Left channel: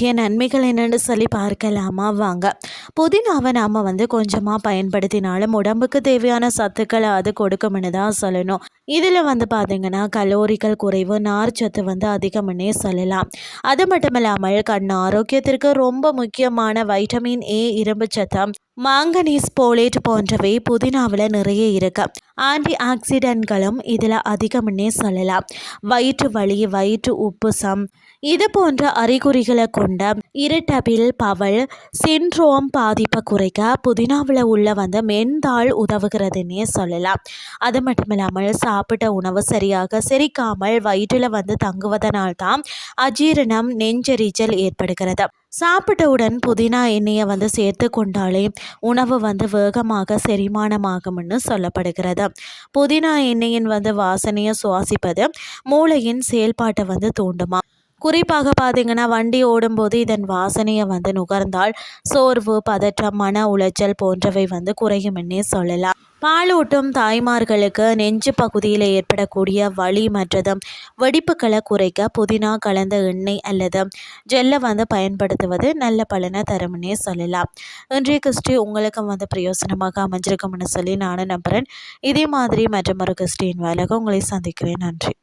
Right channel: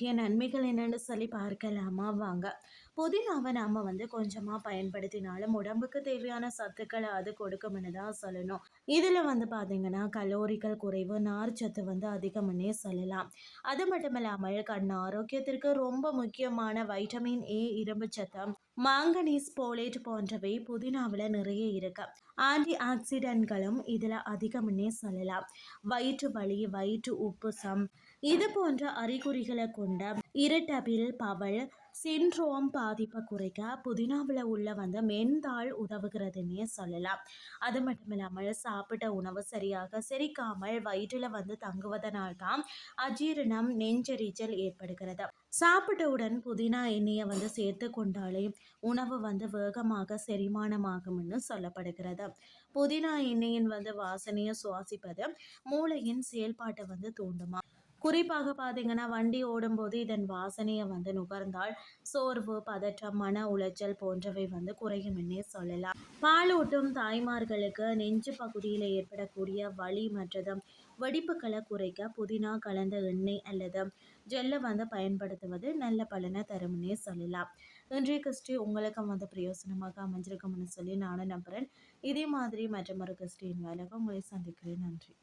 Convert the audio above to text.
முக்கிய நன்மைகள் என்னென்னு சொல்லி பார்க்கலாமா வாங்க. புதினாவை நாம் கொஞ்சமாக பயன்படுத்தினாலும் உடம்புக்கு தேவையான சத்துக்களை அது கொடுக்கும்னு தான் சொல்லணும். இதில் பார்த்திங்கன்னா கலோரிகள் குறைவு, நார்ச்சத்து அதிகம்னே சொல்லலாம். அது மட்டும் இல்லாமல் கண் ஆரோக்கியத்திற்கு ரொம்ப முக்கியமான வைட்டமின் ஏ, இரும்பு சத்தம், மாங்கனீஸ், போலேட் போன்றவை புதினாவில் நிறைய இருக்கு. ஆன்டி ஆக்சிடென்ட்களும் இதில் அதிகம்னே சொல்லலாம். வயிற்று வலி, வயிற்று உப்புசம் இது போன்ற அறிகுறிகளை கொண்ட இரிட்டபிள் பவல் சின்ட்ரோம் பாதிப்பை குறைக்க புதினாவில் உள்ள மென்தாள் உதவுகிறதுன்னே சொல்லலாம். அது மட்டும் இல்லாமல் சாப்பிட்ட உணவு சரியாக செரிக்காமல் வயிற்றில் தங்குவதனால்தான் அஜீரணம், நெஞ்செரிச்சல் ஏற்படுகிறது. சாப்பிட்டவுடன் புதினா எண்ணெயை சேர்த்து கொண்டாலே உணவு வேகமாக செரிமானமாகும்னு சொல்லப்படுகிறது. புதினா எண்ணெயின் வாசனையை சுவாசிப்பது மூளையின் செயல்பாட்டை தூண்டுமா. குறிப்பாக பார்த்தீங்கன்னா வண்டி ஓடும்போது இதன் வாசனையை நுகர்ந்தால் சோர்வு, பதற்றம், மன உளைச்சல் போன்றவை குறையும்னே சொல்லலாம். பாலூட்டும் தாய்மார்களுக்கு நெஞ்சு பகுதியில் ஏற்படக்கூடிய வலி மற்றும் வெடிப்புகளை குறைக்க புதினா கலந்த எண்ணெய் அல்லது ஜெல்லை பயன்படுத்துவது நல்ல பலனை தரும்னே சொல்லலாம். இன்றைய கிறிஸ்டி உங்களுக்கு பிரயோசனமாக அமைஞ்சிருக்கும்னு சொல்லி நானும் நம்புகிறேன். இதே மாதிரி மற்றொரு கிறிஸ்டின் வேலைக்கு உங்களை சந்திக்கிறேன். நன்றி.